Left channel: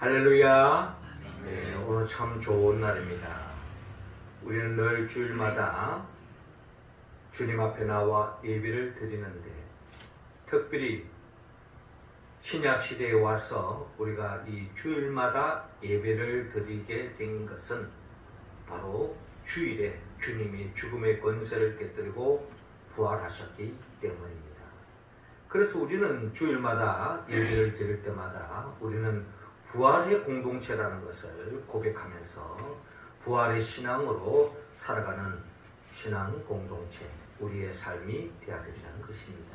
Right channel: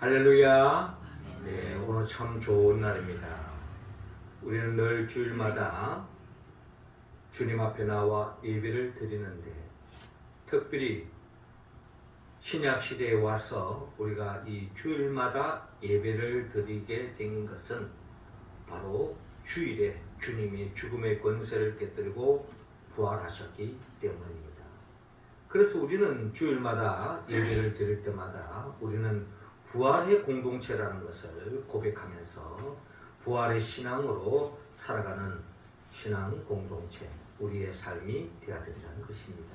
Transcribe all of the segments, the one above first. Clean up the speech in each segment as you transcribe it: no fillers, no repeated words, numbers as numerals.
할렐루야. 네, 오늘 참 좋은 날입니다. 우리는 늘 주일마다 주님 앞에 나와 예배를 드리는데, 특별히 신약 시대에 와서 우리가 이 주일마다 예배를 드리게 된 것은 바로 주일에 주님이 죽음의 권세를 깨뜨리고 부활하셨기 때문입니다. 그래서 우리는 주일마다 예배를 드릴 때마다 우리는 부활의 공동체라는 것을 고백하면서 부활의 신앙으로 살아가는 신앙 공동체, 우리의 삶이 되어야 된다는 것입니다.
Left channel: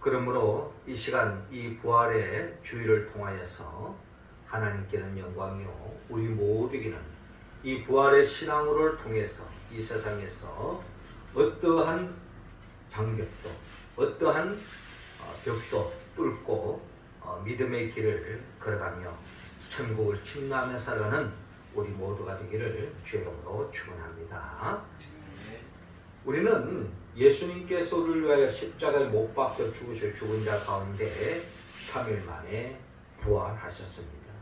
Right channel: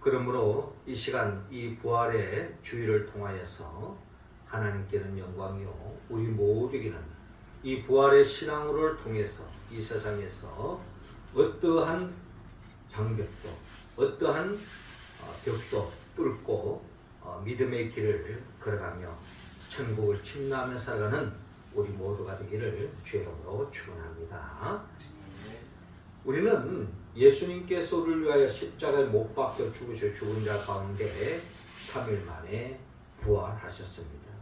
그러므로 이 시간 이 부활의 주일을 통하여서 하나님께는 영광이요 우리 모두에게는 이 부활의 신앙으로를 통해서 이 세상에서 어떠한 장벽도 어떠한 벽도 뚫고 믿음의 길을 걸어가며 천국을 침노하며 살아가는 우리 모두가 되기를 주의 이름으로 축원합니다. 우리는 예수님께서 우리를 위하여 십자가에 못 박혀 죽으실 죽은 자 가운데 3일 만에 부활하셨습니다.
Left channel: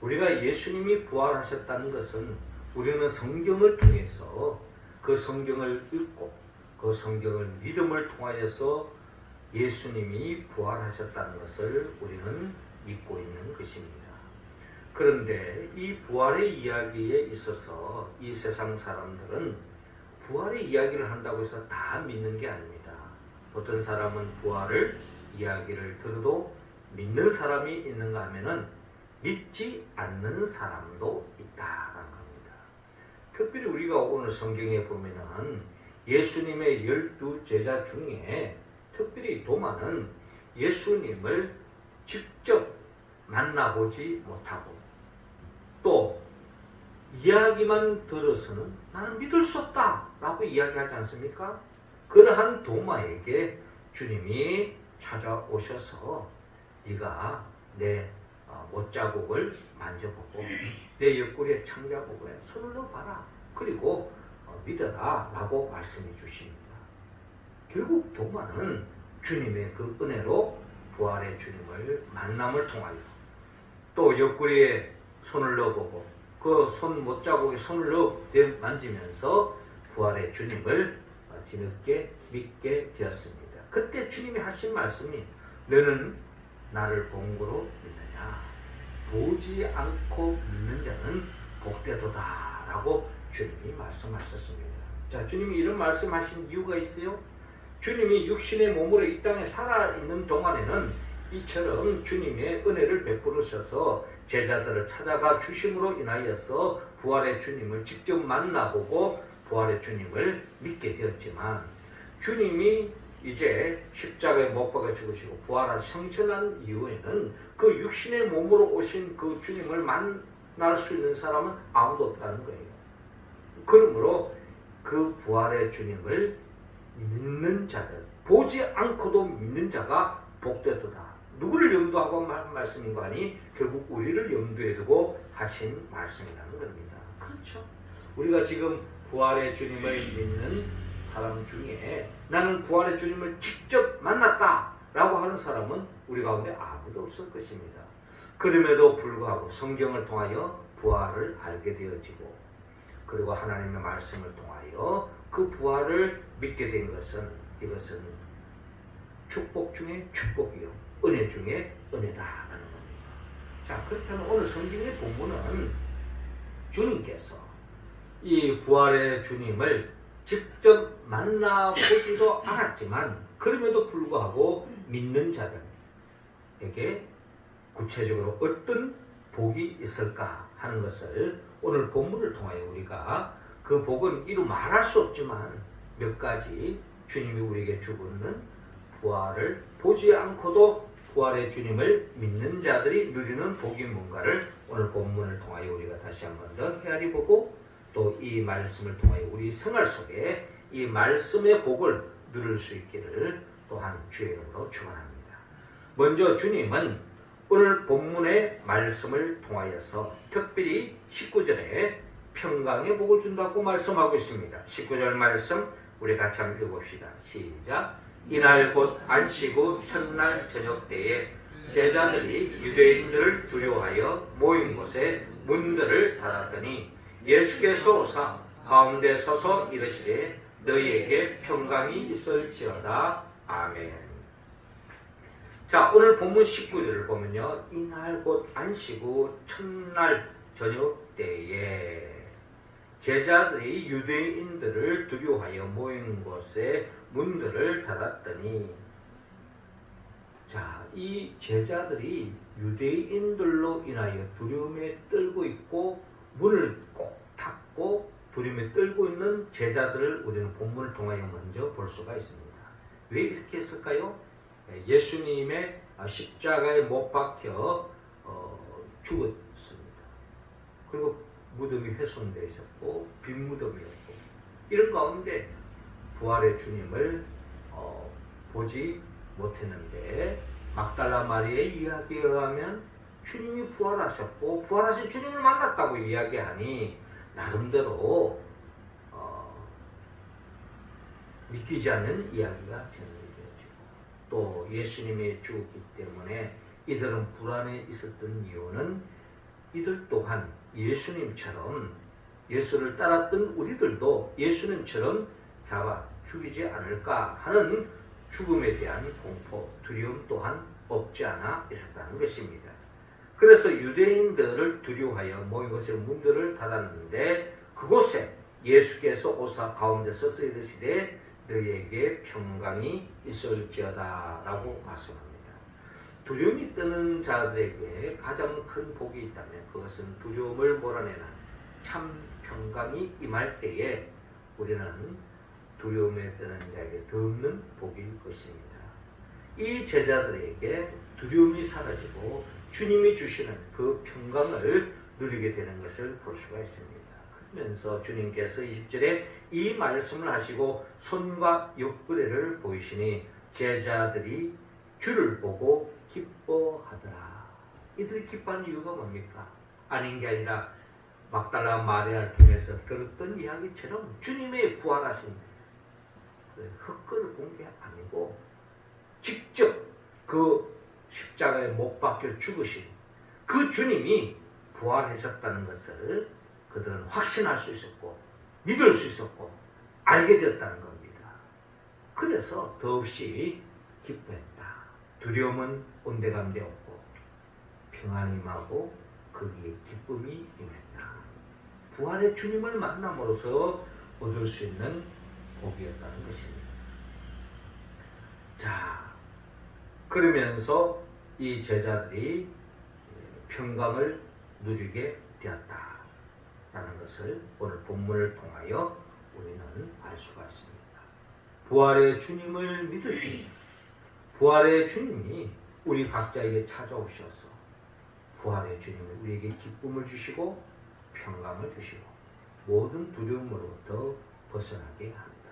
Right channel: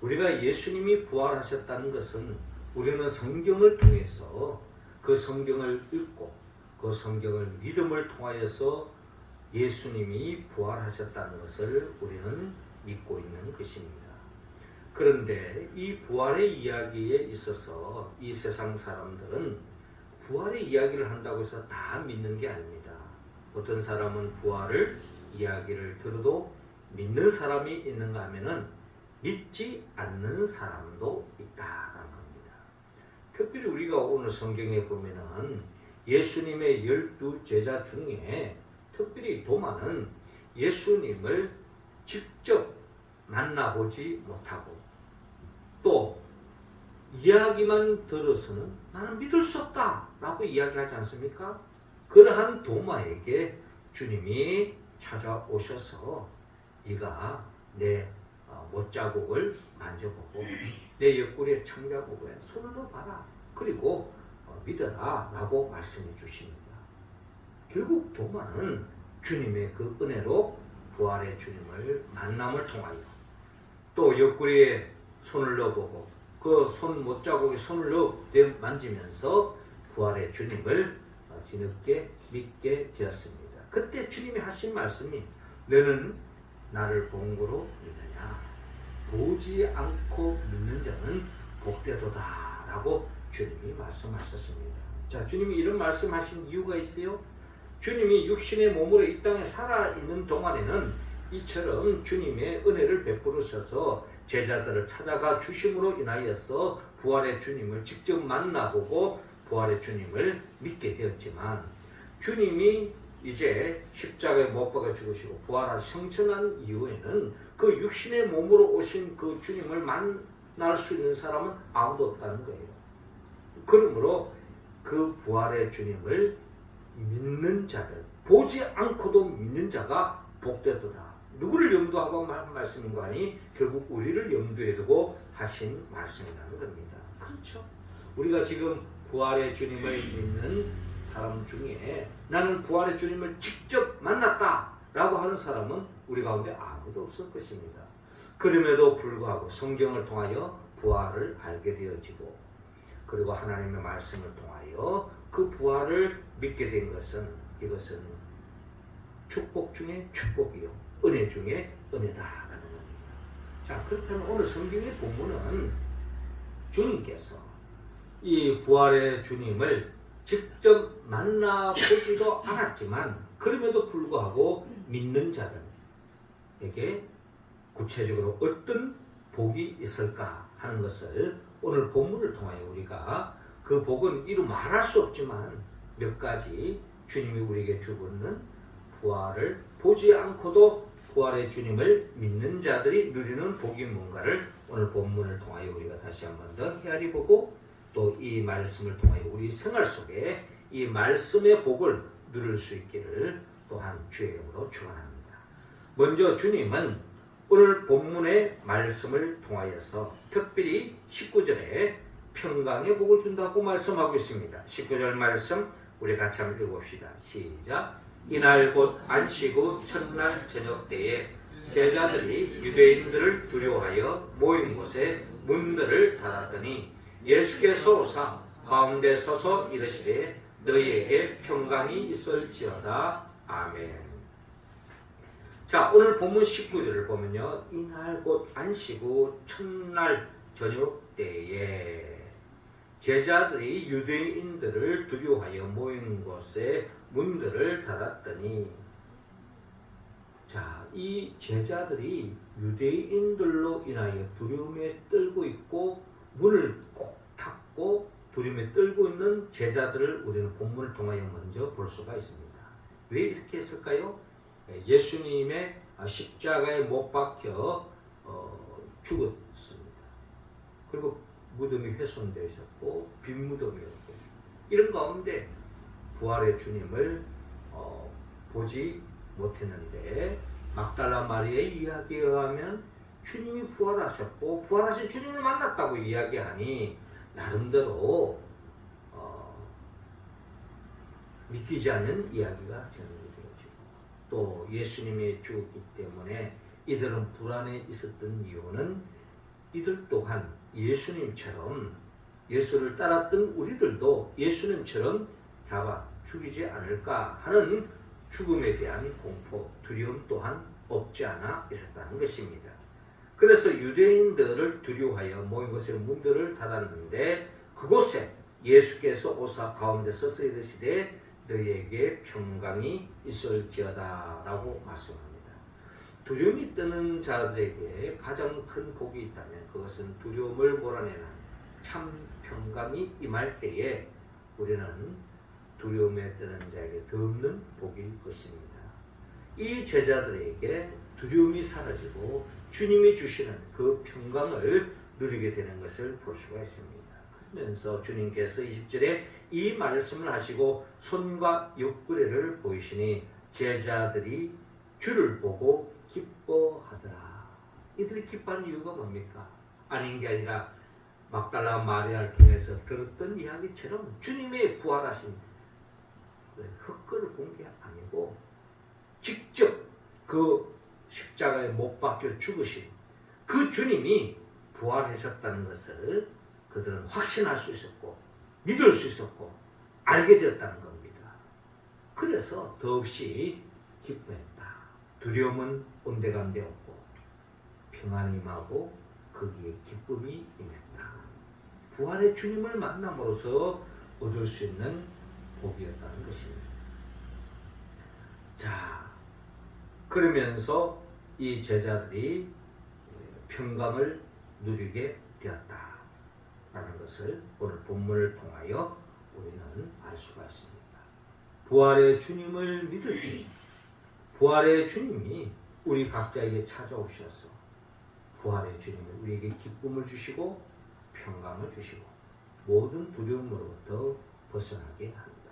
우리가 예수님이 부활하셨다는 것은 우리는 성경을 통해서 그 성경을 읽고 그 성경을 믿음을 통하여서 예수님이 부활하셨다는 것을 우리는 믿고 있는 것입니다. 그런데 이 부활의 이야기에 있어서 이 세상 사람들은 부활의 이야기를 한다고 해서 다 믿는 게 아닙니다. 어떤 사람은 부활을 이야기를 들어도 믿는 사람이 있는가 하면은 믿지 않는 사람도 있다라는 겁니다. 특별히 우리가 오늘 성경에 보면은 예수님의 12 제자 중에 특별히 도마는 예수님을 직접 만나보지 못하고 또 이야기만 들어서는 나는 믿을 수 없다 라고 이야기하지 않습니까? 그러한 도마에게 주님이 찾아오셔서 네가 내 못자국을 만져보고 내 옆구리에 창자국에 손을 넣어봐라, 그리고 믿어라 라고 말씀해 주십니다. 결국 도마는 주님의 그 은혜로 부활의 주님을 만남을 통하여 또 옆구리에 손을 넣어보고 그 손 못자국에 손을 넣어 만지면서 부활의 주님을 뒤늦게 믿게 되었습니다. 그때 주님이 하신 말씀이 너는 나를 본 거로 믿느냐? 보지 않고 믿는 자는 복되도다 라고 주님이 말씀하셨습니다. 자, 주님이 이런 말씀하신 이유가 있어요. 주님이 육신의 몸으로 이 땅에 살아있는 동안에는 이처럼 주님의 은혜를 베푸셔서 제자들을 찾아가 주심으로 인하여서 부활의 주님을 직접 만나보고 부활의 주님을 믿게 되었지만, 주님이 이제 십자가에 못 박아 죽으시고 부활한 성천한 이후에는 그 육신의 몸으로 오신 그 주님을 만날 수 있는 사람은 아무도 없다는 거예요. 그러므로 그 부활의 주님을 믿는 자들, 보지 않고도 믿는 자가 복되도다. 누구를 염두하고 한 말씀인가 하니 결국 우리를 염두에 두고 하신 말씀이라는 겁니다. 그렇죠? 우리가 지금 부활의 주님을 믿는 사람 중에 나는 부활의 주님을 직접 만났다 라고 하는 사람은 우리 가운데 아무도 없을 것입니다. 그럼에도 불구하고 성경을 통하여 부활을 알게 되어지고 그리고 하나님의 말씀을 통하여 그 부활을 믿게 된 것은 이것은 축복 중에 축복이요 은혜 중에 은혜다라는 겁니다. 자, 그렇다면 오늘 성경의 본문은 주님께서 이 부활의 주님을 직접 만나보지도 않았지만 그럼에도 불구하고 믿는 자들에게 구체적으로 어떤 복이 있을까 하는 것을 오늘 본문을 통하여 우리가 그 복은 이루 말할 수 없지만 몇 가지 주님이 우리에게 주고는 부활을 보지 않고도 부활의 주님을 믿는 자들이 누리는 복이 뭔가를 오늘 본문을 통하여 우리가 다시 한 번 더 헤아리 보고 또 이 말씀을 통하여 우리 생활 속에 이 말씀의 복을 누릴 수 있기를 또한 주의 이름으로 축원합니다. 먼저 주님은 오늘 본문의 말씀을 통하여서 특별히 19절에 평강의 복을 준다고 말씀하고 있습니다. 19절 말씀 우리 같이 한번 읽어봅시다. 시작. 이날 곧 안식 후 첫날 저녁 때에 제자들이 유대인들을 두려워하여 모인 곳에 문들을 닫았더니 예수께서 오사 가운데 서서 이르시되 너희에게 평강이 있을지어다. 아멘. 자, 오늘 본문 19절을 보면요, 이날 곧 안식 후 첫날 저녁 때에 제자들이 유대인들을 두려워하여 모인 곳에 문들을 닫았더니, 자, 이 제자들이 유대인들로 인하여 두려움에 떨고 있고 문을 꼭 닫고 두려움에 떨고 있는 제자들을 우리는 본문을 통하여 먼저 볼 수가 있습니다. 왜 이렇게 했을까요? 예수님의 십자가에 못 박혀 죽었습니다. 그리고 무덤이 훼손되어 있었고 빈 무덤이었고, 이런 가운데 부활의 주님을 보지 못했는데, 막달라 마리아의 이야기에 의하면 주님이 부활하셨고 부활하신 주님을 만났다고 이야기하니 나름대로 믿기지 않는 이야기가 전달되어지고, 또 예수님이 죽었기 때문에 이들은 불안에 있었던 이유는 이들 또한 예수님처럼, 예수를 따랐던 우리들도 예수님처럼 잡아 죽이지 않을까 하는 죽음에 대한 공포, 두려움 또한 없지 않아 있었다는 것입니다. 그래서 유대인들을 두려워하여 모인 곳에 문들을 닫았는데, 그곳에 예수께서 오사 가운데 서서 이르시되 너희에게 평강이 있을지어다 라고 말씀합니다. 두려움이 뜨는 자들에게 가장 큰 복이 있다면 그것은 두려움을 몰아내는 참 평강이 임할 때에 우리는 두려움에 뜨는 자에게 더 없는 복일 것입니다. 이 제자들에게 두려움이 사라지고 주님이 주시는 그 평강을 누리게 되는 것을 볼 수가 있습니다. 그러면서 주님께서 20절에 이 말씀을 하시고 손과 옆구리를 보이시니 제자들이 주를 보고 기뻐하더라. 이들이 기뻐하는 이유가 뭡니까? 아닌 게 아니라 막달라 마리아를 통해서 들었던 이야기처럼 주님의 부활하신 흙글을 본 게 아니고 직접 그 십자가에 못 박혀 죽으신 그 주님이 부활하셨다는 것을 그들은 확신할 수 있었고 믿을 수 있었고 알게 되었다는 겁니다. 그래서 더없이 기뻐했다. 두려움은 온데간데 없고 평안이 임하고 거기에 기쁨이 임했다. 부활의 주님을 만남으로써 얻을 수 있는 복이었다는 것입니다. 자, 그러면서 이 제자들이 평강을 누리게 되었다라는 것을 오늘 본문을 통하여 우리는 알 수가 있습니다. 부활의 주님을 믿으니 부활의 주님이 우리 각자에게 찾아오셔서 부활의 주님은 우리에게 기쁨을 주시고 평강을 주시고 모든 두려움으로부터 벗어나게 합니다.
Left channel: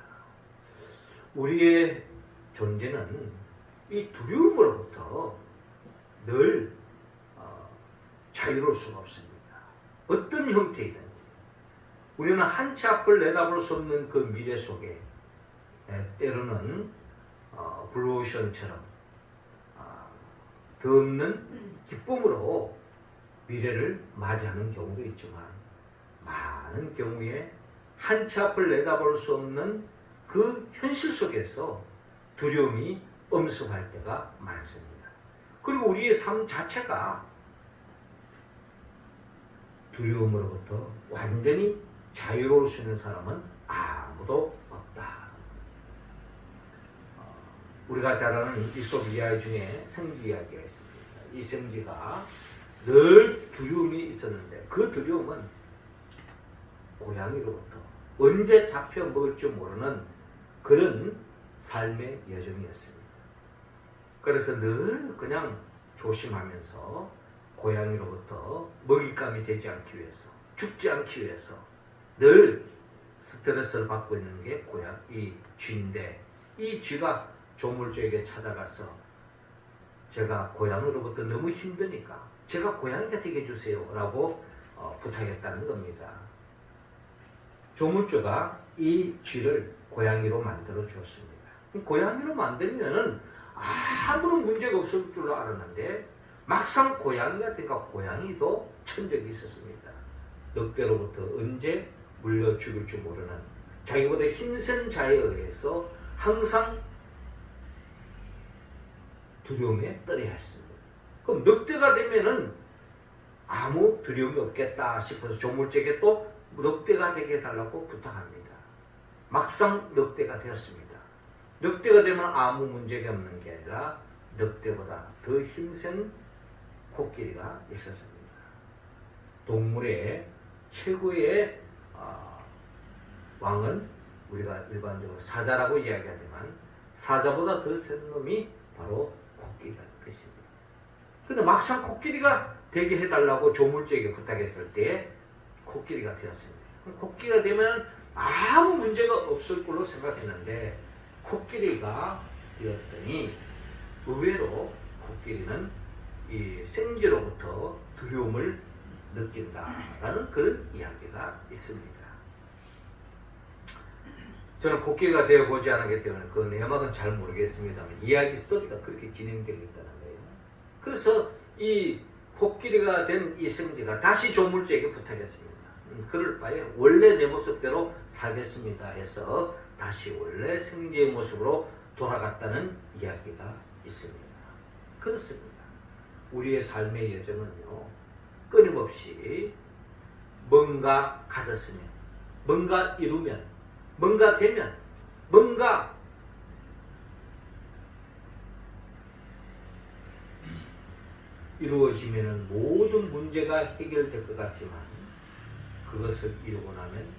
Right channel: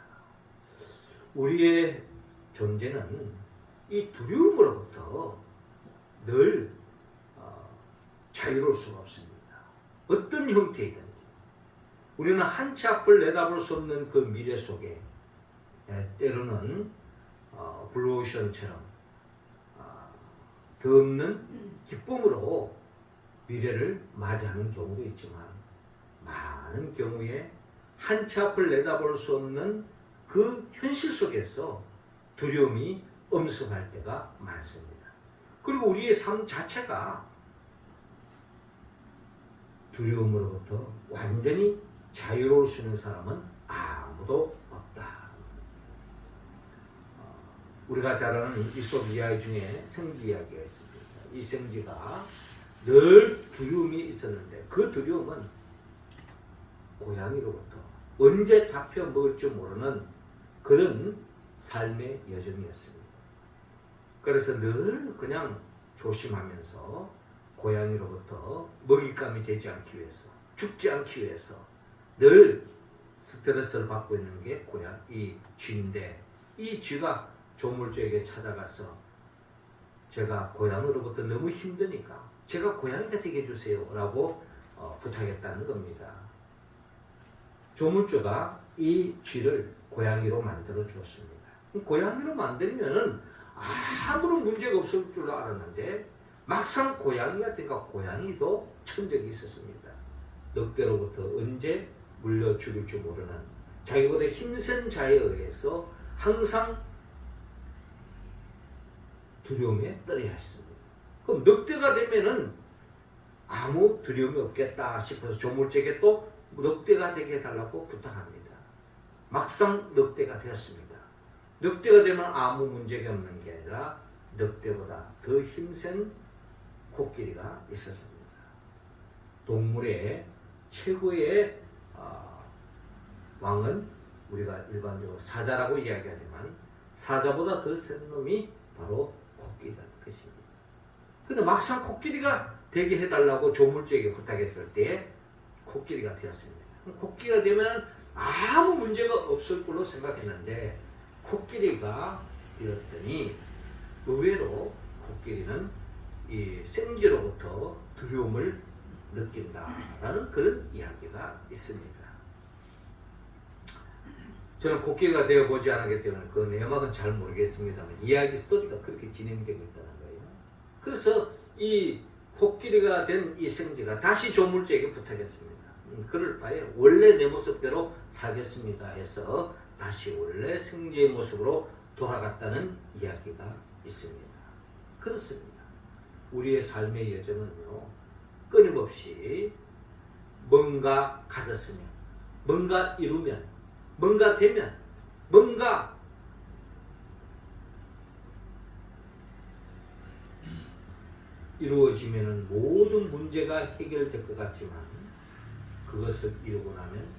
우리의 존재는 이 두려움으로부터 늘 자유로울 수가 없습니다. 어떤 형태이든지 우리는 한치 앞을 내다볼 수 없는 그 미래 속에 때로는 블루오션처럼 더 없는 기쁨으로 미래를 맞이하는 경우도 있지만, 많은 경우에 한치 앞을 내다볼 수 없는 그 현실 속에서 두려움이 엄습할 때가 많습니다. 그리고 우리의 삶 자체가 두려움으로부터 완전히 자유로울 수 있는 사람은 아무도 없다. 우리가 잘 아는 이솝 이야기 중에 성지 이야기가 있습니다. 이 성지가 늘 두려움이 있었는데 그 두려움은 고양이로부터 언제 잡혀 먹을 줄 모르는 그런 삶의 여정이었습니다. 그래서 늘 그냥 조심하면서 고양이로부터 먹잇감이 되지 않기 위해서, 죽지 않기 위해서 늘 스트레스를 받고 있는 게 이 쥐인데, 이 쥐가 조물주에게 찾아가서 제가 고양이로부터 너무 힘드니까 제가 고양이가 되게 해주세요 라고 부탁했다는 겁니다. 조물주가 이 쥐를 고양이로 만들어 주었습니다. 고양이로 만들면은 아무런 문제가 없을 줄 알았는데 막상 고양이가 되니까 고양이도 천적이 있었습니다. 늑대로부터 언제 물려 죽을 줄 모르는 자기보다 힘센 자에 의해서 항상 두려움에 떨어야 했습니다. 그럼 늑대가 되면은 아무 두려움이 없겠다 싶어서 조물주에게 또 늑대가 되게 해달라고 부탁합니다. 막상 늑대가 되었습니다. 늑대가 되면 아무 문제가 없는 게 아니라 늑대보다 더 힘센 코끼리가 있었습니다. 동물의 최고의 왕은 우리가 일반적으로 사자라고 이야기하지만 사자보다 더 센 놈이 바로 코끼리라는 것입니다. 그런데 막상 코끼리가 되게 해달라고 조물주에게 부탁했을 때 코끼리가 되었습니다. 코끼리가 되면 아무 문제가 없을 걸로 생각했는데 코끼리가 되었더니 의외로 코끼리는 이 생쥐로부터 두려움을 느낀다라는 그런 이야기가 있습니다. 저는 코끼리가 되어보지 않았기 때문에 그 내막은 잘 모르겠습니다만 이야기 스토리가 그렇게 진행되고 있다는 거예요. 그래서 이 코끼리가 된 이 생쥐가 다시 조물주에게 부탁했습니다. 그럴 바에 원래 내 모습대로 살겠습니다 해서 다시 원래 생쥐의 모습으로 돌아갔다는 이야기가 있습니다. 그렇습니다. 우리의 삶의 여정은요, 끊임없이 뭔가 가졌으면, 뭔가 이루면, 뭔가 되면, 뭔가 이루어지면 모든 문제가 해결될 것 같지만 그것을 이루고 나면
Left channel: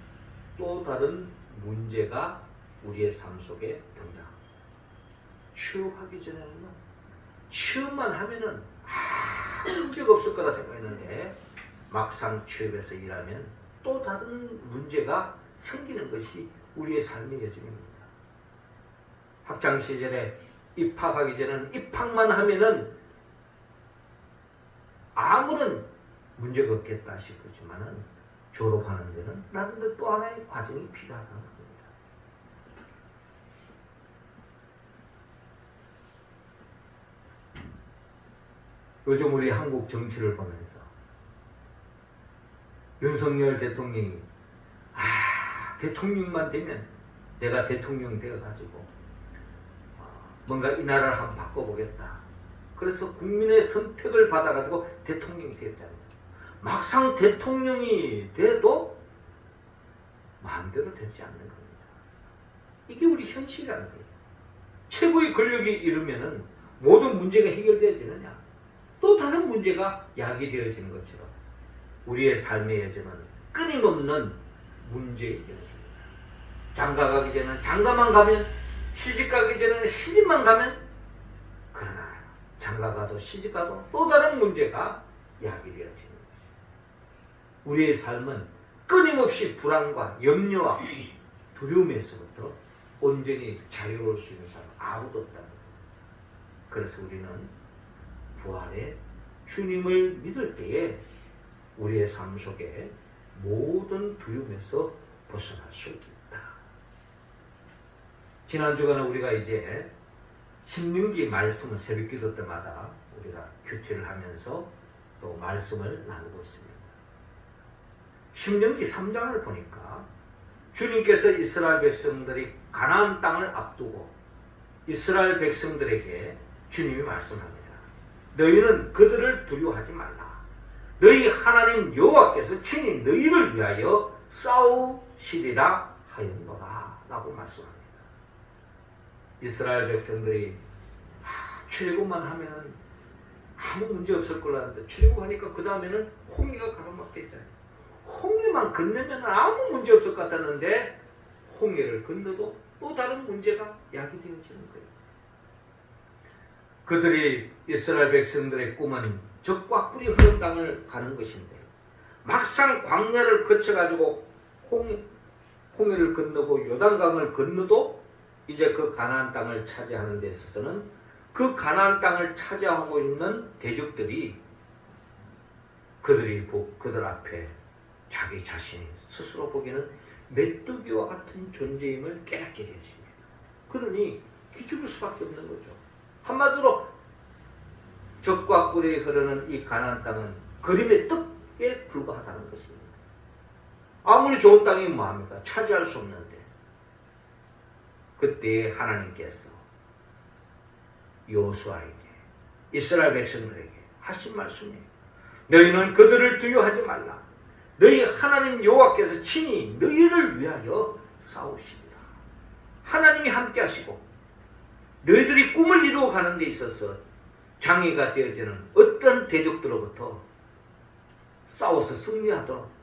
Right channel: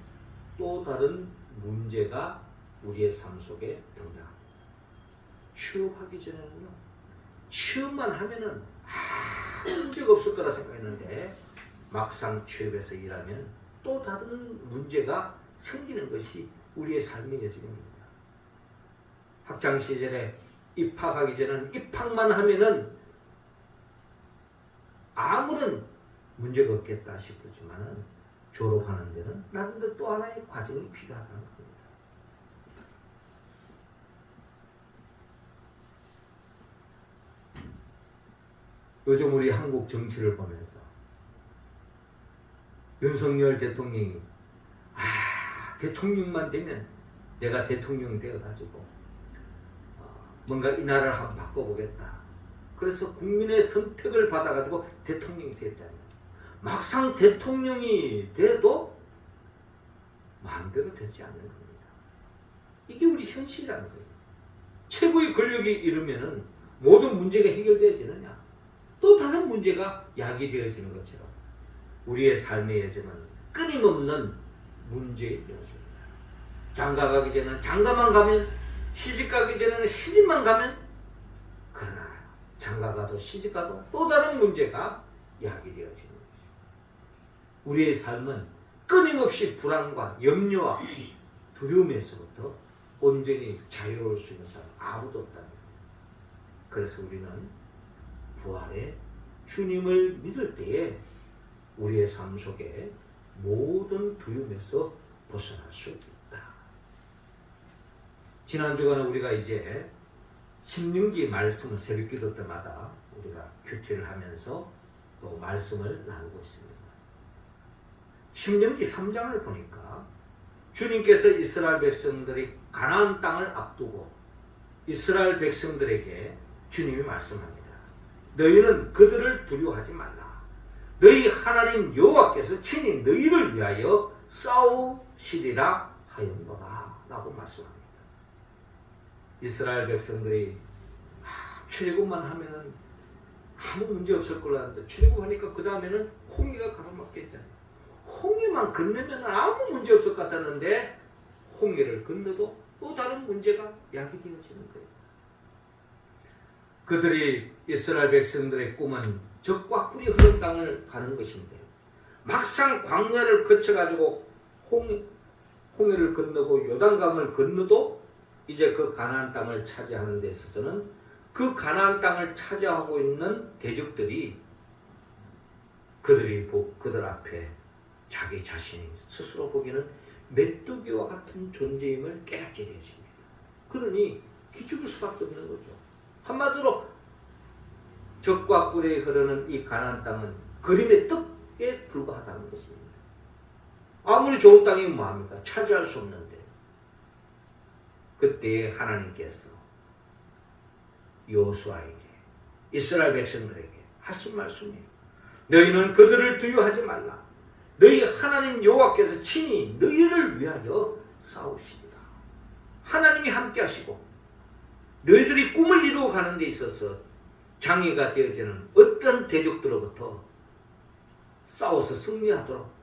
또 다른 문제가 우리의 삶 속에 든다. 취업하기 전에는요, 취업만 하면은 아무 문제가 없을 거라 생각했는데 막상 취업해서 일하면 또 다른 문제가 생기는 것이 우리의 삶의 여정입니다. 학창 시절에 입학하기 전에는 입학만 하면은 아무런 문제가 없겠다 싶었지만은 졸업하는 데는 나름대로 또 하나의 과정이 필요하다는 겁니다. 요즘 우리 한국 정치를 보면서 윤석열 대통령이 대통령만 되면 내가 대통령 되어가지고 뭔가 이 나라를 한번 바꿔보겠다. 그래서 국민의 선택을 받아가지고 대통령이 됐잖아요. 막상 대통령이 돼도 마음대로 되지 않는 겁니다. 이게 우리 현실이라는 거예요. 최고의 권력이 이르면은 모든 문제가 해결되어지느냐? 또 다른 문제가 야기되어지는 것처럼 우리의 삶의 여정은 끊임없는 문제의 연속입니다. 장가 가기 전에는 장가만 가면, 시집 가기 전에는 시집만 가면, 그러나 장가 가도 시집 가도 또 다른 문제가 야기되어지는 것입니다. 우리의 삶은 끊임없이 불안과 염려와 두려움에서부터 온전히 자유로울 수 있는 사람 아무도 없다는 거예요. 그래서 우리는 부활의 주님을 믿을 때에 우리의 삶 속에 모든 두려움에서 벗어날 수 있다. 지난 주간에 우리가 이제 신명기 말씀을 새벽기도 때마다 우리가 큐티를 하면서 또 말씀을 나누고 있습니다. 신명기 3장을 보니까 주님께서 이스라엘 백성들이 가나안 땅을 앞두고 이스라엘 백성들에게 주님이 말씀합니다. 너희는 그들을 두려워하지 말라. 너희 하나님 여호와께서 친히 너희를 위하여 싸우시리라 하였노라 라고 말씀합니다. 이스라엘 백성들이 출애굽만 하면 아무 문제 없을 거라 하는데 출애굽하니까 그 다음에는 홍해가 가로막혔잖아요. 홍해만 건너면 아무 문제 없을 것 같았는데 홍해를 건너도 또 다른 문제가 야기되어지는 거예요. 그들이 이스라엘 백성들의 꿈은 적과 꿀이 흐른 땅을 가는 것인데 막상 광야를 거쳐가지고 홍해를 건너고 요단강을 건너도 이제 그 가나안 땅을 차지하는 데 있어서는 그 가나안 땅을 차지하고 있는 대적들이 그들 앞에 자기 자신이 스스로 보기에는 메뚜기와 같은 존재임을 깨닫게 되어집니다. 그러니 기죽을 수밖에 없는 거죠. 한마디로 적과 꿀이 흐르는 이 가나안 땅은 그림의 떡에 불과하다는 것입니다. 아무리 좋은 땅이 뭐합니까? 차지할 수 없는데 그때 하나님께서 여호수아에게 이스라엘 백성들에게 하신 말씀이에요. 너희는 그들을 두려워하지 말라. 너희 하나님 여호와께서 친히 너희를 위하여 싸우시리라. 하나님이 함께 하시고 너희들이 꿈을 이루어 가는 데 있어서 장애가 되어지는 어떤 대적들로부터 싸워서 승리하도록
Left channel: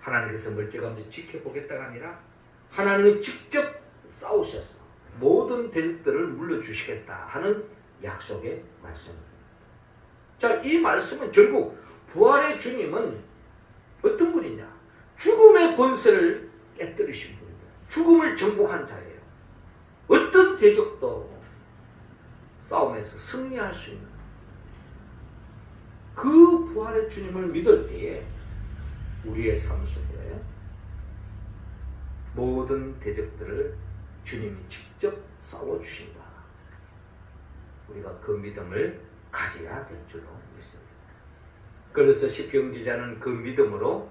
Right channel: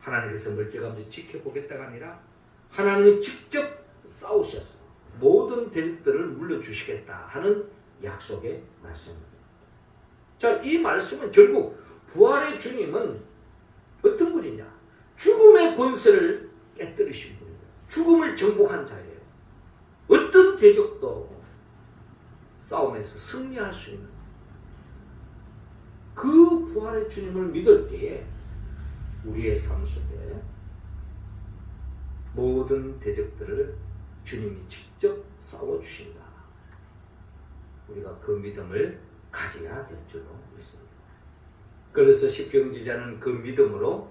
하나님께서 멀찌감치 지켜보겠다가 아니라 하나님이 직접 싸우셔서 모든 대적들을 물려주시겠다 하는 약속의 말씀입니다. 자, 이 말씀은 결국 부활의 주님은 어떤 분이냐? 죽음의 권세를 깨뜨리신 분입니다. 죽음을 정복한 자예요. 어떤 대적도 싸움에서 승리할 수 있는 그 부활의 주님을 믿을 때에 우리의 삶 속에 모든 대적들을 주님이 직접 싸워주신다. 우리가 그 믿음을 가져야 될 줄로 믿습니다. 그래서 시편 기자는 그 믿음으로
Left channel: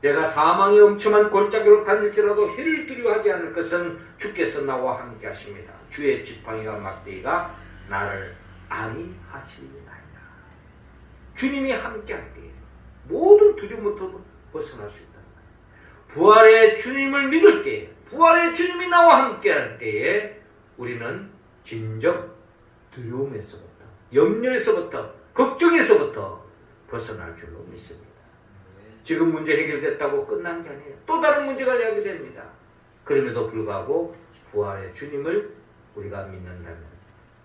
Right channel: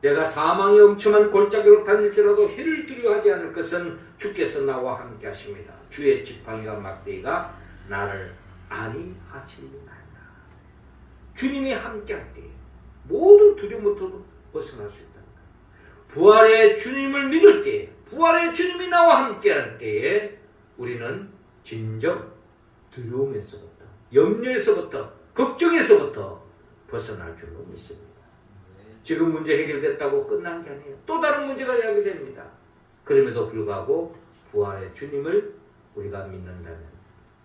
내가 사망의 엄청한 골짜기로 다닐지라도 해를 두려워하지 않을 것은 주께서 나와 함께 하십니다. 주의 지팡이와 막대기가 나를 안위하시리이다. 주님이 함께 할 때 모든 두려움부터 벗어날 수 있다. 부활의 주님을 믿을 때, 부활의 주님이 나와 함께 할 때에 우리는 진정 두려움에서부터, 염려에서부터, 걱정에서부터 벗어날 줄로 믿습니다. 지금 문제 해결됐다고 끝난 게 아니에요. 또 다른 문제가 야기됩니다. 그럼에도 불구하고 부활의 주님을 우리가 믿는다면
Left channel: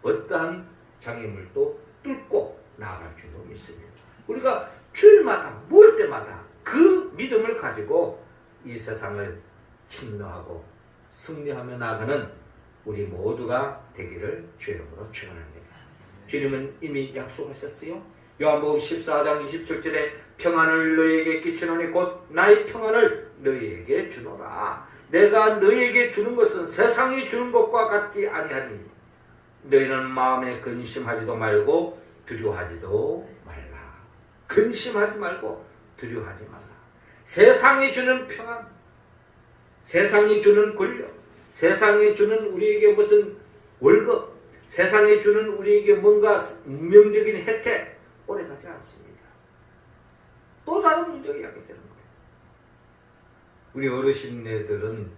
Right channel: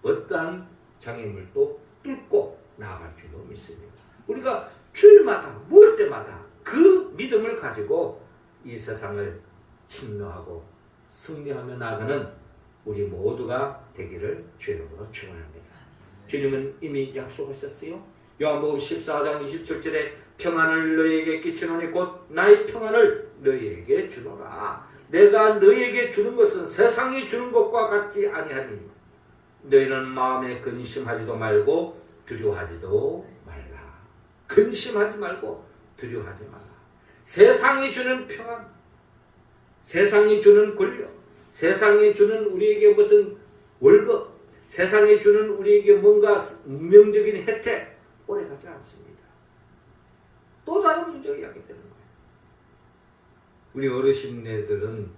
어떠한 장애물도 뚫고 나아갈 줄로 믿습니다. 우리가 주일마다 모일 때마다 그 믿음을 가지고 이 세상을 침노하고 승리하며 나아가는 우리 모두가 되기를 주의 이름으로 축원합니다. 주님은 이미 약속하셨어요. 요한복음 14장 27절에 평안을 너희에게 끼치노니 곧 나의 평안을 너희에게 주노라. 내가 너희에게 주는 것은 세상이 주는 것과 같지 아니하니 너희는 마음에 근심하지도 말고 두려워하지도 말라. 근심하지 말고 두려워하지 말라. 세상이 주는 평안, 세상이 주는 권력, 세상이 주는 우리에게 무슨 월급, 세상이 주는 우리에게 뭔가 운명적인 혜택 오래가지 않습니다. 또 다른 문제가 야기되는 거예요. 우리 어르신네들은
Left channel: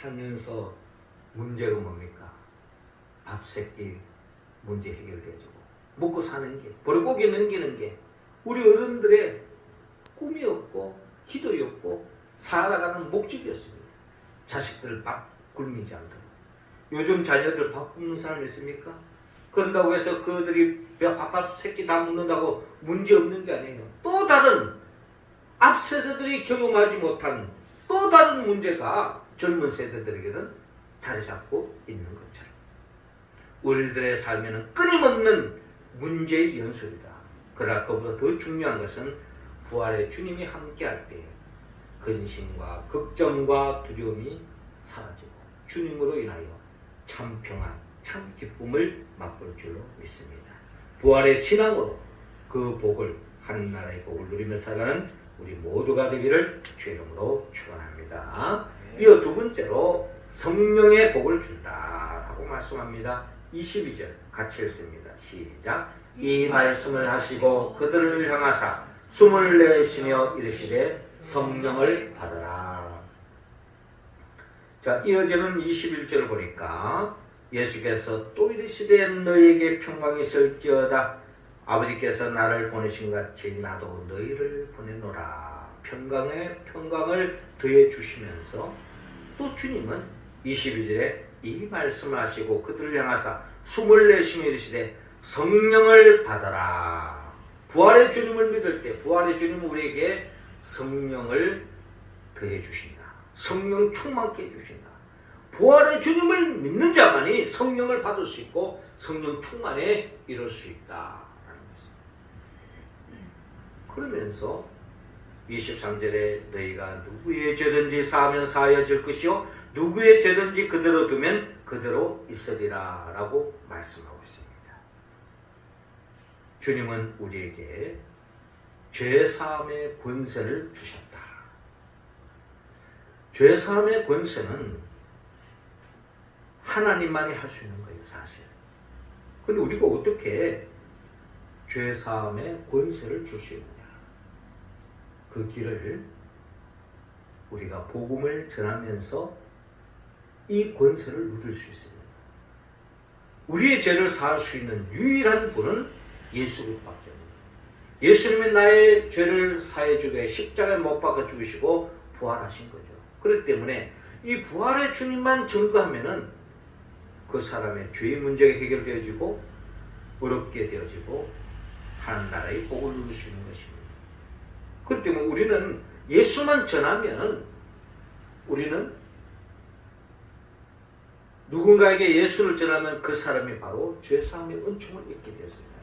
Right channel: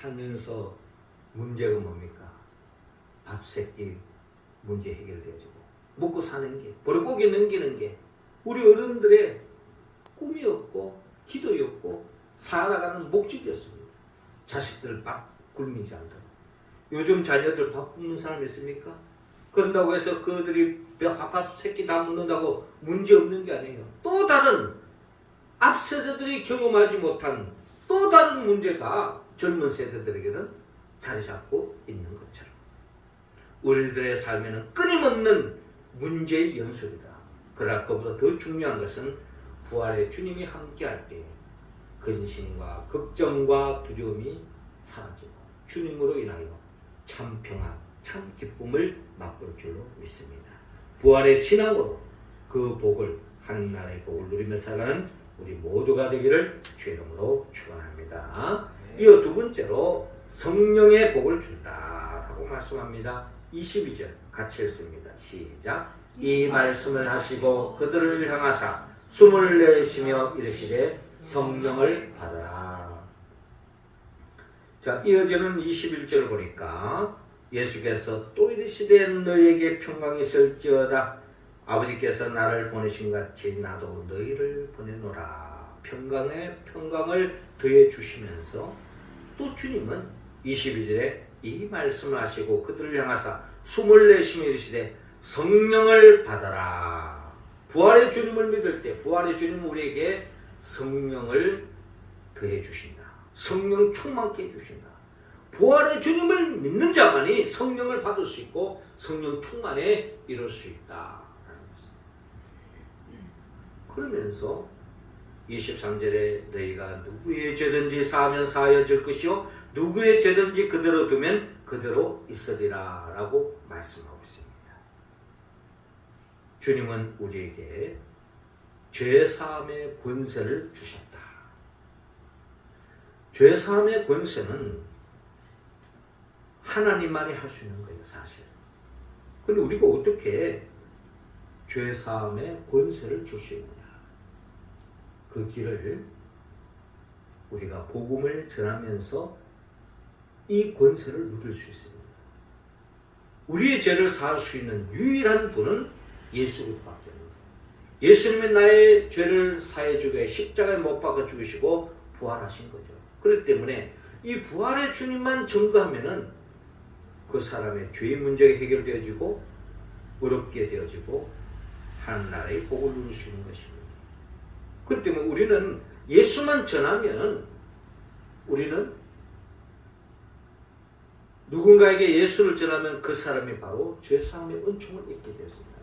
살면서 문제가 뭡니까? 밥 세끼 문제 해결되어주고 먹고 사는 게, 버릇고기 넘기는 게 우리 어른들의 꿈이었고 기도였고 살아가는 목적이었습니다. 자식들 밥 굶이지 않도록. 요즘 자녀들 밥 굶는 사람 있습니까? 그런다고 해서 그들이 밥 새끼 다 먹는다고 문제 없는 게 아니에요. 또 다른 앞 세대들이 경험하지 못한 또 다른 문제가 젊은 세대들에게는 자리 잡고 있는 것처럼 우리들의 삶에는 끊임없는 문제의 연속이다. 그러나 그보다 더 중요한 것은 부활의 주님이 함께할 때 근심과 걱정과 두려움이 사라지고 주님으로 인하여 참 평안, 참 기쁨을 맛볼 줄로 믿습니다. 부활의 신앙으로 그 복을, 하늘나라의 복을 누리며 살아가는 우리 모두가 되기를 주의 이름으로 축원합니다. 이어 두 번째로 성령의 복을 준다 하고 말씀합니다. 22절 같이 읽습니다. 시작. 이 말씀을 하시고 그들을 향하사 숨을 내쉬며 이르시되 성령을 받으라. 자, 이어지는 21절을 보니까 예수께서 또 이르시되 너희에게 평강이 있을지어다. 아버지께서 나를 보내신 같이 나도 너희를 보내노라. 평강을 더해 주시면서 또 주님은 22절에 이 말씀을 하시고 그들을 향하사 숨을 내쉬며 이르시되 성령을 받아라. 부활의 주님을 믿을 때 부활의 주님은 우리에게 성령을 더해 주신다. 성령 충만케 해주신다. 부활의 주님을 믿는 자만이 성령을 받을 수 있고 성령 충만에 이룰 수 있다. 그러면서 23절에 너희가 누구의 죄든지 사하면 사하여질 것이요 누구의 죄든지 그대로 두면 그대로 있으리라 라고 말씀하고 있습니다. 주님은 우리에게 죄사함의 권세를 주셨다. 죄사함의 권세는 하나님만이 할 수 있는 거예요, 사실. 근데 우리가 어떻게 죄사함의 권세를 줄 수 있느냐? 그 길을 우리가 복음을 전하면서 이 권세를 누릴 수 있습니다. 우리의 죄를 사할 수 있는 유일한 분은 예수 그리스도밖에 없습니다. 예수님은 나의 죄를 사해주고 십자가에 못 박아 죽으시고 부활하신 거죠. 그렇기 때문에 이 부활의 주님만 증거하면은 그 사람의 죄의 문제가 해결되어지고 어렵게 되어지고 하나님 나라의 복을 누릴 수 있는 것입니다. 그렇기 때문에 우리는 예수만 전하면 우리는 누군가에게 예수를 전하면 그 사람이 바로 죄사함의 은총을 얻게 되었습니다.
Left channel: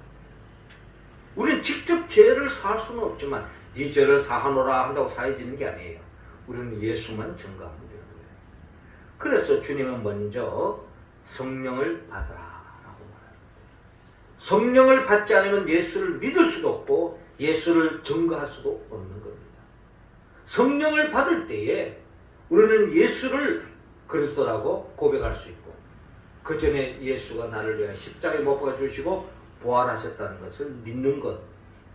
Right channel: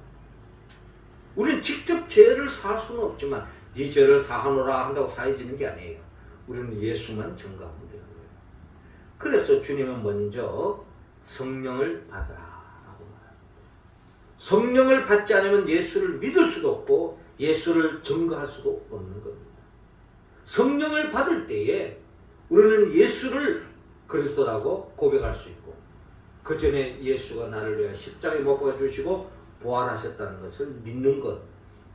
우리는 직접 죄를 사할 수는 없지만 네 죄를 사하노라 한다고 사해지는 게 아니에요. 우리는 예수만 증거하면 되는 거예요. 그래서 주님은 먼저 성령을 받으라 라고 말합니다. 성령을 받지 않으면 예수를 믿을 수도 없고 예수를 증거할 수도 없는 겁니다. 성령을 받을 때에 우리는 예수를 그리스도라고 고백할 수 있고 그 전에 예수가 나를 위해 십자가에 못 박아 주시고 부활하셨다는 것을 믿는 것,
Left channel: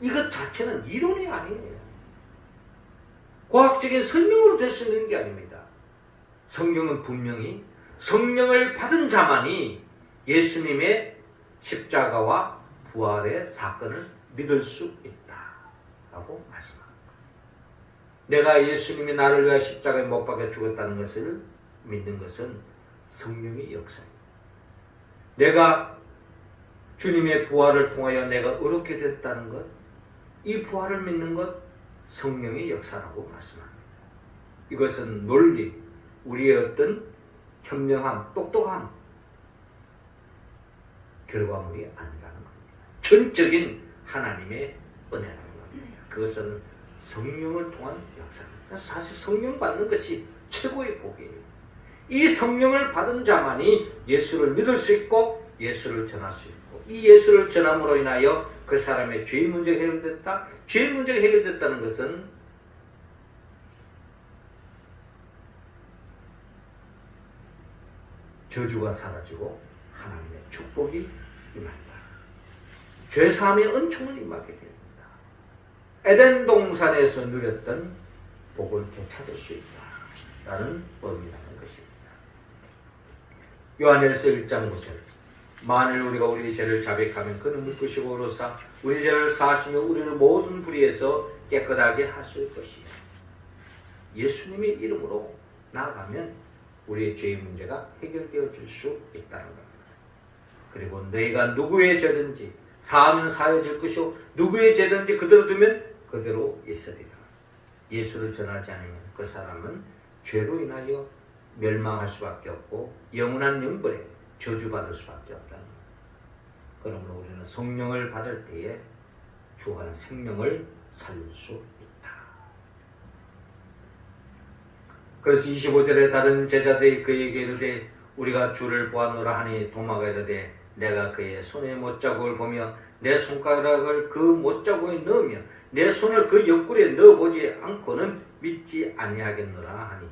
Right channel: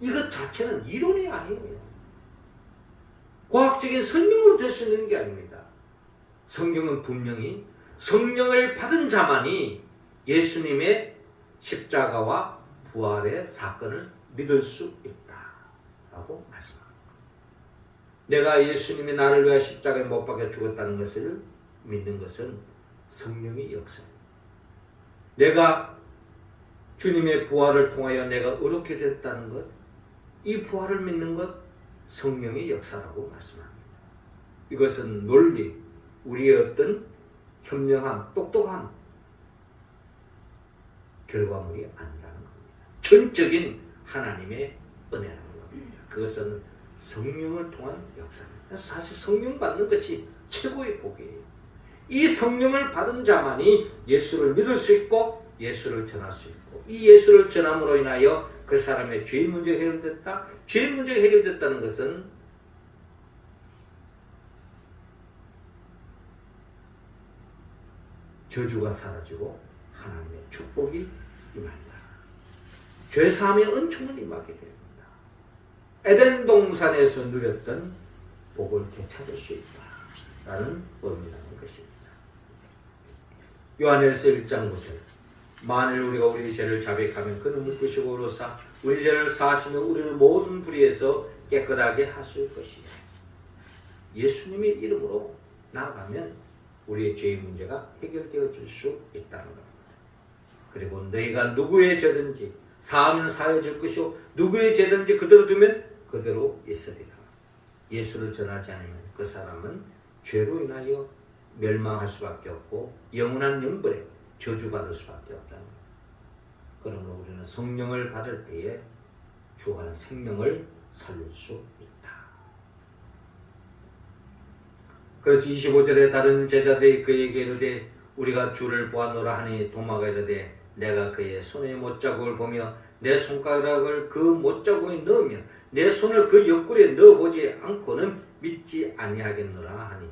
이것 자체는 이론이 아니에요. 과학적인 설명으로 될 수 있는 게 아닙니다. 성경은 분명히 성령을 받은 자만이 예수님의 십자가와 부활의 사건을 믿을 수 있다라고 말씀합니다. 내가 예수님이 나를 위해 십자가에 못 박아 죽었다는 것을 믿는 것은 성령의 역사입니다. 내가 주님의 부활을 통하여 내가 어렵게 됐다는 것, 이 부활을 믿는 것 성령의 역사라고 말씀합니다. 이것은 논리, 우리의 어떤 현명함, 똑똑함 결과물이 아니라는 겁니다. 전적인 하나님의 은혜라는 겁니다. 그것은 성령을 통한 역사입니다. 사실 성령 받는 것이 최고의 복이에요. 이 성령을 받은 자만이 예수를 믿을 수 있고 예수를 전할 수 있고 이 예수를 전함으로 인하여 그 사람의 죄의 문제가 해결됐다. 죄의 문제가 해결됐다는 것은 저주가 사라지고 하나님의 축복이 임한다. 죄사함의 은총을 임하게 됩니다. 에덴 동산에서 누렸던 복을 되찾을 수 있다라는 의미라는 것입니다. 요한일서 1장 9절 만일 우리가 우리 죄를 자백하면 그는 믿으시고 의로사 우리 죄를 사하시며 우리를 모든 불의에서 깨끗하게 하실 것이에요. 예수님의 이름으로 나아가면 우리의 죄의 문제가 해결되어질 수 있다는 겁니다. 그리고 너희가 누구의 죄든지 사하면 사해질 것이요 누구의 죄든지 그대로 두면 그대로 있으리라. 예수를 전하지 않으면 그 사람은 죄로 인하여 멸망할 수밖에 없고 영원한 영벌에 저주받을 수밖에 없다는 것. 그러므로 우리는 성령을 받을 때에 주하는 생명을 살릴 수 있다. 그래서 25절에 다른 제자들이 그에게 이르되 우리가 주를 보았노라 하니 도마가 이르되 내가 그의 손의 못자국을 보며 내 손가락을 그 못자국에 넣으며 내 손을 그 옆구리에 넣어보지 않고는 믿지 아니하겠노라 하니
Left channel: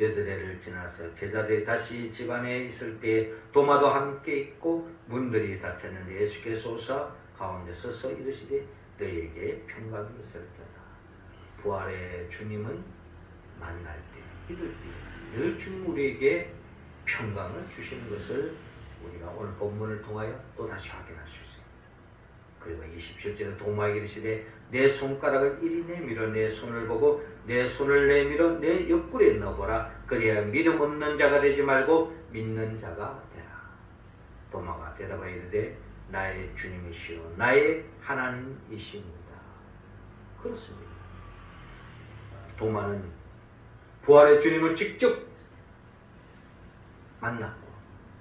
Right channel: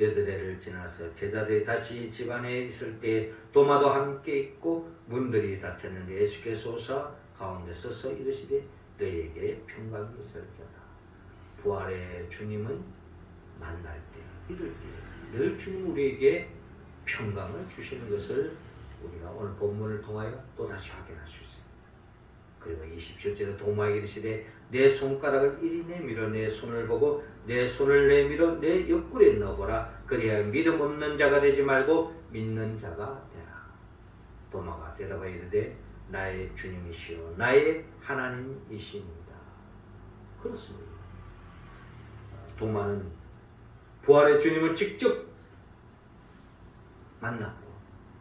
여드레를 지나서 제자들이 다시 집안에 있을 때 도마도 함께 있고 문들이 닫혔는데 예수께서 오사 가운데 서서 이르시되 너희에게 평강이 있을지어다. 부활의 주님은 만날 때 믿을 때 늘 주님 우리에게 평강을 주시는 것을 우리가 오늘 본문을 통하여 또다시 확인할 수 있습니다. 그리고 27절에 도마에게 이르시되 내 손가락을 이리 내밀어 내 손을 보고 내 손을 내밀어 내 옆구리에 넣어보라. 그래야 믿음 없는 자가 되지 말고 믿는 자가 되라. 도마가 대답하여 이르되 나의 주님이시여 나의 하나님이시니이다. 그렇습니다. 도마는 부활의 주님을 직접 만났고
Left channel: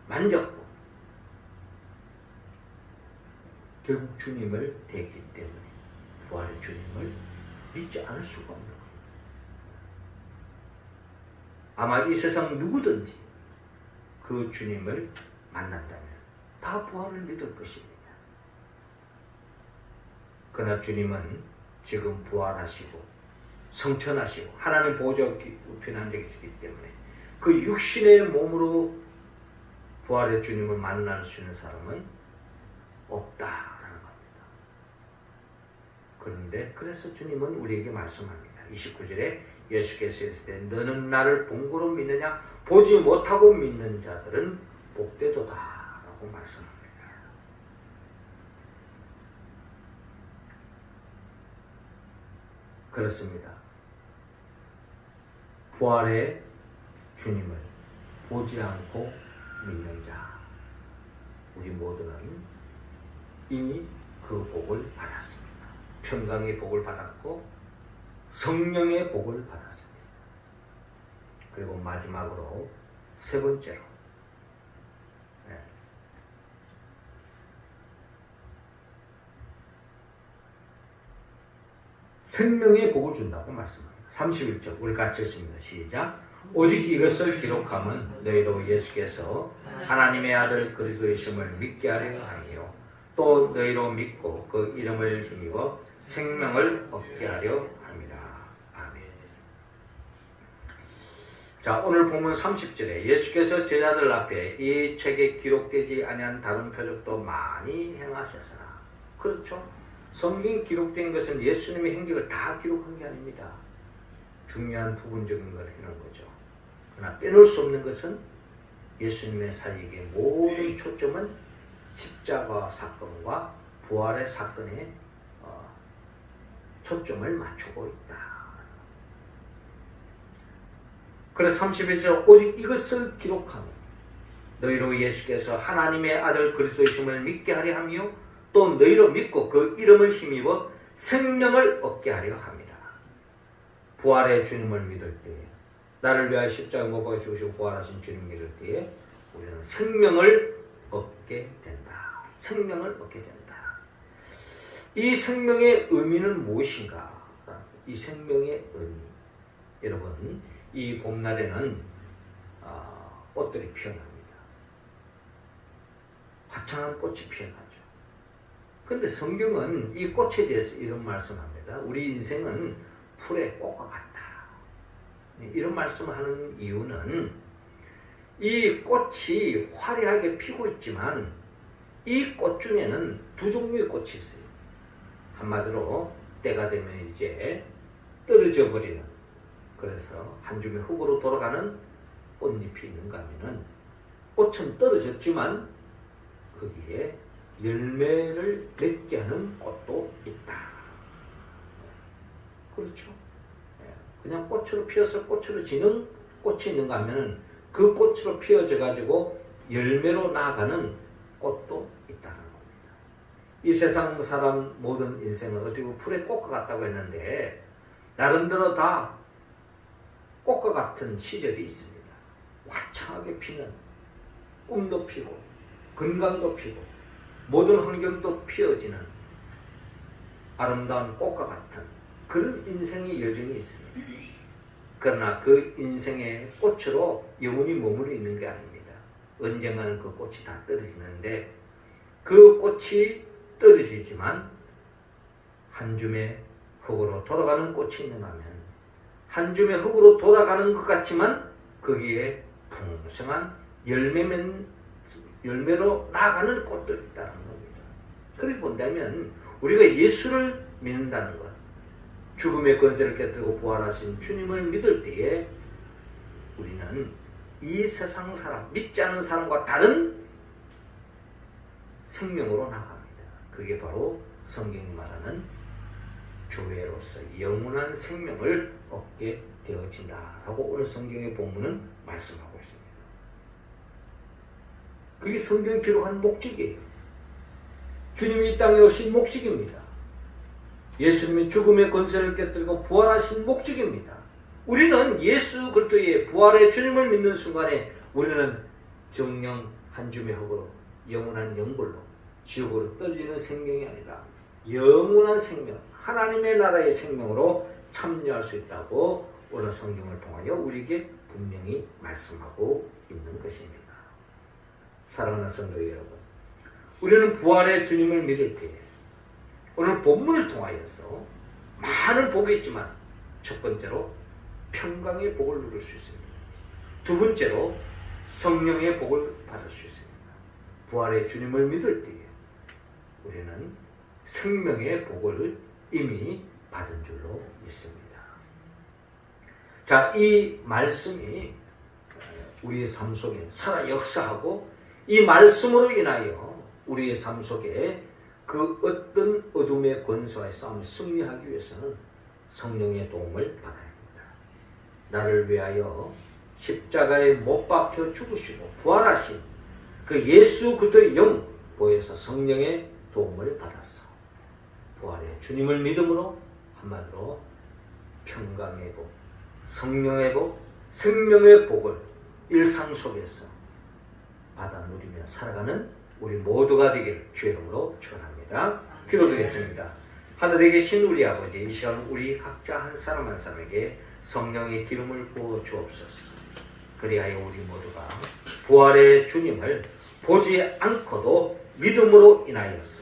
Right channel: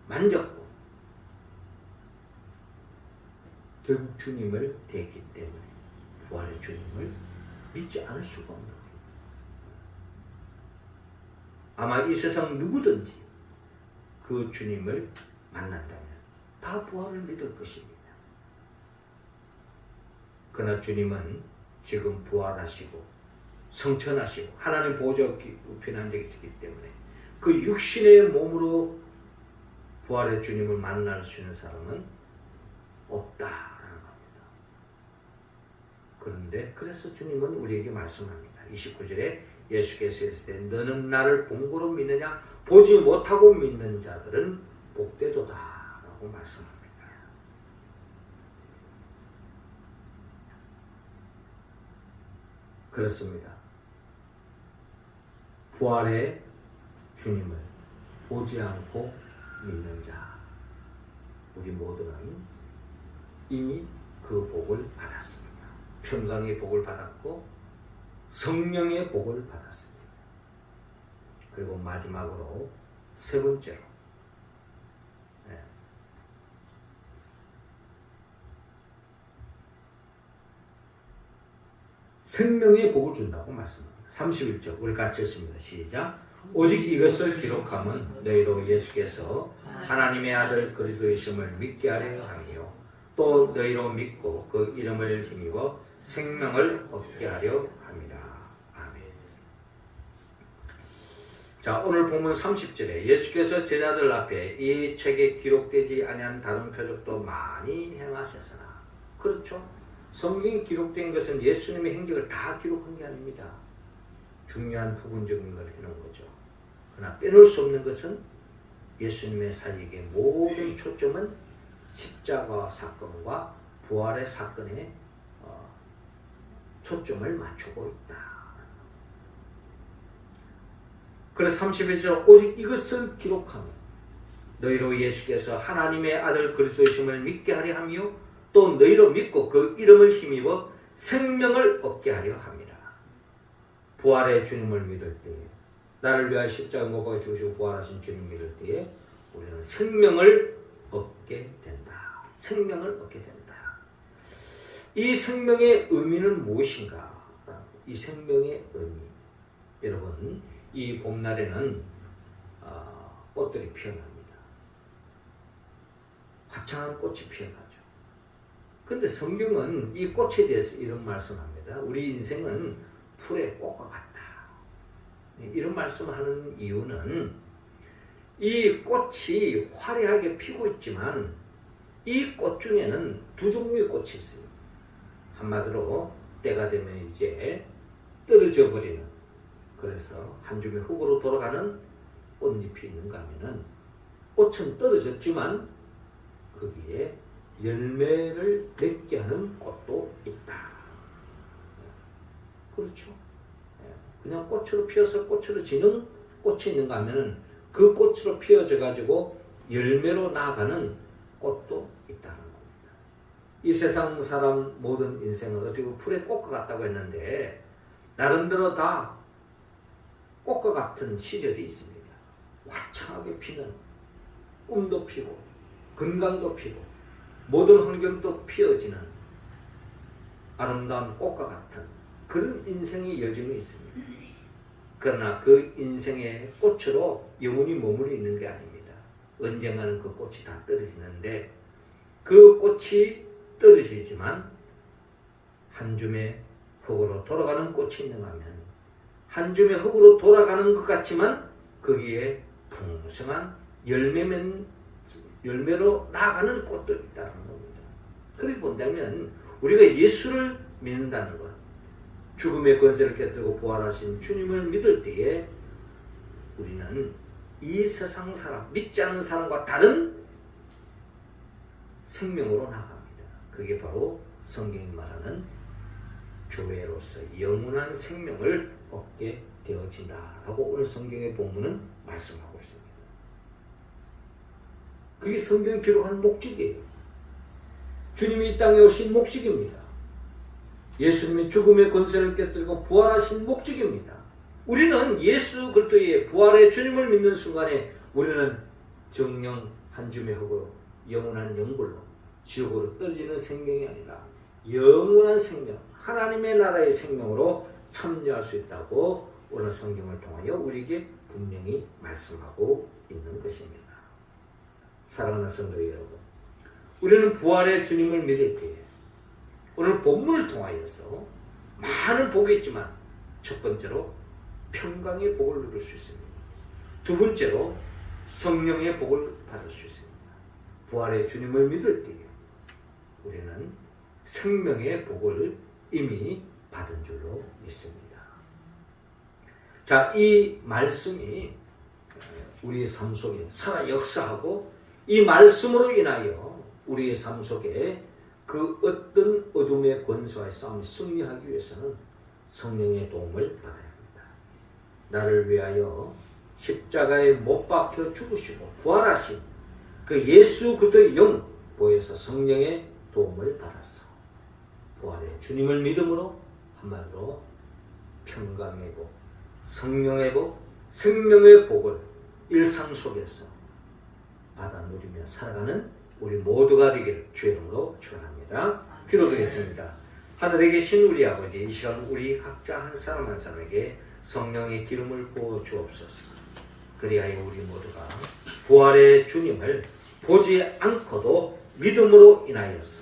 만졌고 결국 주님을 대했기 때문에 부활의 주님을 믿지 않을 수가 없는 거예요. 아마 이 세상 누구든지 그 주님을 만난다면 다 부활을 믿을 것입니다. 그러나 주님은 지금 부활하시고 성천하시고 하나님 보좌 우편에 앉아 계시기 때문에 그 육신의 몸으로 부활의 주님을 만날 수 있는 사람은 없다라는 겁니다. 그런데 그래서 주님은 우리에게 말씀합니다. 29절에 예수께서 이르시되 너는 나를 본 거로 믿느냐? 보지 못하고 믿는 자들은 복되도다 라고 말씀합니다. 그렇습니다. 부활의 주님을 보지 않고 믿는 자, 우리 모두는 이미 그 복을 받았습니다. 평강의 복을 받았고 성령의 복을 받았습니다. 그리고 마지막으로 세 번째로 생명의 복을 준다고 말씀합니다. 31절 우리 같이 읽습니다. 시작. 오직 이것을 기록함은 너희로 예수께서 하나님의 아들 그리스도이심을 믿게 하려 함이요 또 너희로 믿고 그 이름을 힘입어 생명을 얻게 하려 함이라. 아멘. 자, 오늘 본문 30절에 예수께서 제자들 앞에 이 책에 기록되지 아니한 다른 표적도 많이 행하셨으나, 그렇죠? 성경에 기록된 것은 예수님의 행적을 다 기록한 게 아닙니다. 중요한 부분적인 걸 해놓은 거죠. 그러나 빼놓을 수 없는 것은 예수님의 사역의 모든 초점은 십자가 사건과 부활의 사건에 초점을 맞추고 있다. 그래서 31절 오직 이것을 기록하며 너희로 예수께서 하나님의 아들 그리스도이심을 믿게 하려 하며 또 너희로 믿고 그 이름을 힘입어 생명을 얻게 하려 함이라. 부활의 주님을 믿을 때에, 나를 위하여 십자가에 못 박아 죽으시고 부활하신 주님 믿을 때에 우리는 생명을 얻게 된다. 생명을 얻게 된다. 이 생명의 의미는 무엇인가? 이 생명의 의미, 여러분, 이 봄날에는 꽃들이 피어납니다. 화창한 꽃이 피어나죠. 그런데 성경은 이 꽃에 대해서 이런 말씀합니다. 우리 인생은 풀의 꽃과 같다. 이런 말씀을 하는 이유는 이 꽃이 화려하게 피고 있지만 이 꽃 중에는 두 종류의 꽃이 있어요. 한마디로 때가 되면 이제 떨어져 버리는, 그래서 한 줌의 흙으로 돌아가는 꽃잎이 있는가 하면은 꽃은 떨어졌지만 거기에 열매를 맺게 하는 꽃도 있다. 그렇죠? 그냥 꽃으로 피어서 꽃으로 지는 꽃이 있는가 하면은 그 꽃으로 피어져 가지고 열매로 나아가는 꽃도 있다는 겁니다. 이 세상 사람 모든 인생은 어떻게 보면 풀의 꽃과 같다고 했는데 나름대로 다 꽃과 같은 시절이 있습니다. 화창하게 피는, 꿈도 피고 건강도 피고 모든 환경도 피어지는 아름다운 꽃과 같은 그런 인생의 여정이 있습니다. 그러나 그 인생의 꽃으로 영원히 머물러 있는 게 아닙니다. 언젠가는 그 꽃이 다 떨어지는데 그 꽃이 떨어지지만 한 줌의 흙으로 돌아가는 꽃이 있는가 하면 한 줌의 흙으로 돌아가는 것 같지만 거기에 풍성한 열매로 나아가는 꽃도 있다는 겁니다. 그렇게 본다면 우리가 예수를 믿는다는 것, 죽음의 권세를 깨뜨리고 부활하신 주님을 믿을 때에 우리는 이 세상 사람, 믿지 않는 사람과 다른 생명으로 나갑니다. 그게 바로 성경이 말하는 교회로서 영원한 생명을 얻게 되어진다라고 오늘 성경의 본문은 말씀하고 있습니다. 그게 성경이 기록한 목적이에요. 주님이 이 땅에 오신 목적입니다. 예수님이 죽음의 권세를 깨뜨리고 부활하신 목적입니다. 우리는 예수 그리스도의 부활의 주님을 믿는 순간에 우리는 정령 한 줌의 흙으로 영원한 영불로 지옥으로 떨어지는 생명이 아니라 영원한 생명, 하나님의 나라의 생명으로 참여할 수 있다고 오늘 성경을 통하여 우리에게 분명히 말씀하고 있는 것입니다. 사랑하는 성도 여러분, 우리는 부활의 주님을 믿을 때 오늘 본문을 통하여서 많은 복이 있지만 첫 번째로 평강의 복을 누릴 수 있습니다. 두 번째로 성령의 복을 받을 수 있습니다. 부활의 주님을 믿을 때 우리는 생명의 복을 이미 받은 줄로 믿습니다. 자, 이 말씀이 우리의 삶 속에 살아 역사하고 이 말씀으로 인하여 우리의 삶 속에 그 어떤 어둠의 권세와의 싸움을 승리하기 위해서는 성령의 도움을 받아야 합니다. 나를 위하여 십자가에 못 박혀 죽으시고 부활하신 그 예수 그리스도의 영 보혜사 성령의 도움을 받았어. 부활의 주님을 믿음으로 한마디로 평강의 복, 성령의 복, 생명의 복을 일상 속에서 받아 누리며 살아가는 우리 모두가 되길 주의 이름으로 축원합니다. 기도드리겠습니다. 하늘에 계신 우리 아버지, 이 시간 우리 각자 한 사람 한 사람에게 성령의 기름을 부어 주옵소서. 그리하여 우리 모두가 부활의 주님을 보지 않고도 믿음으로 인하여서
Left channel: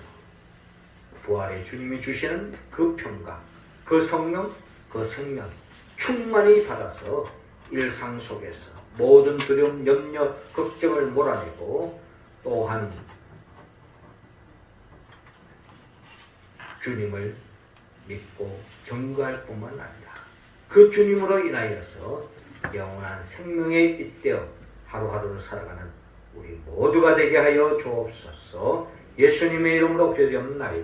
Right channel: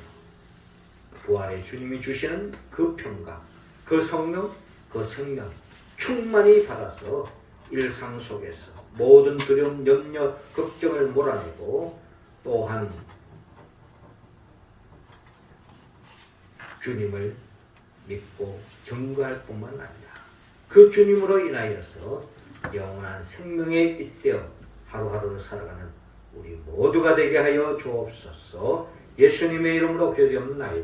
부활의 주님이 주시는 그 평강, 그 성령, 그 생명 충만히 받아서 일상 속에서 모든 두려움, 염려, 걱정을 몰아내고 또한 주님을 믿고 증거할 뿐만 아니라 그 주님으로 인하여서 영원한 생명에 잇대어 하루하루를 살아가는 우리 모두가 되게 하여 주옵소서. 예수님의 이름으로 기도드리옵나이다.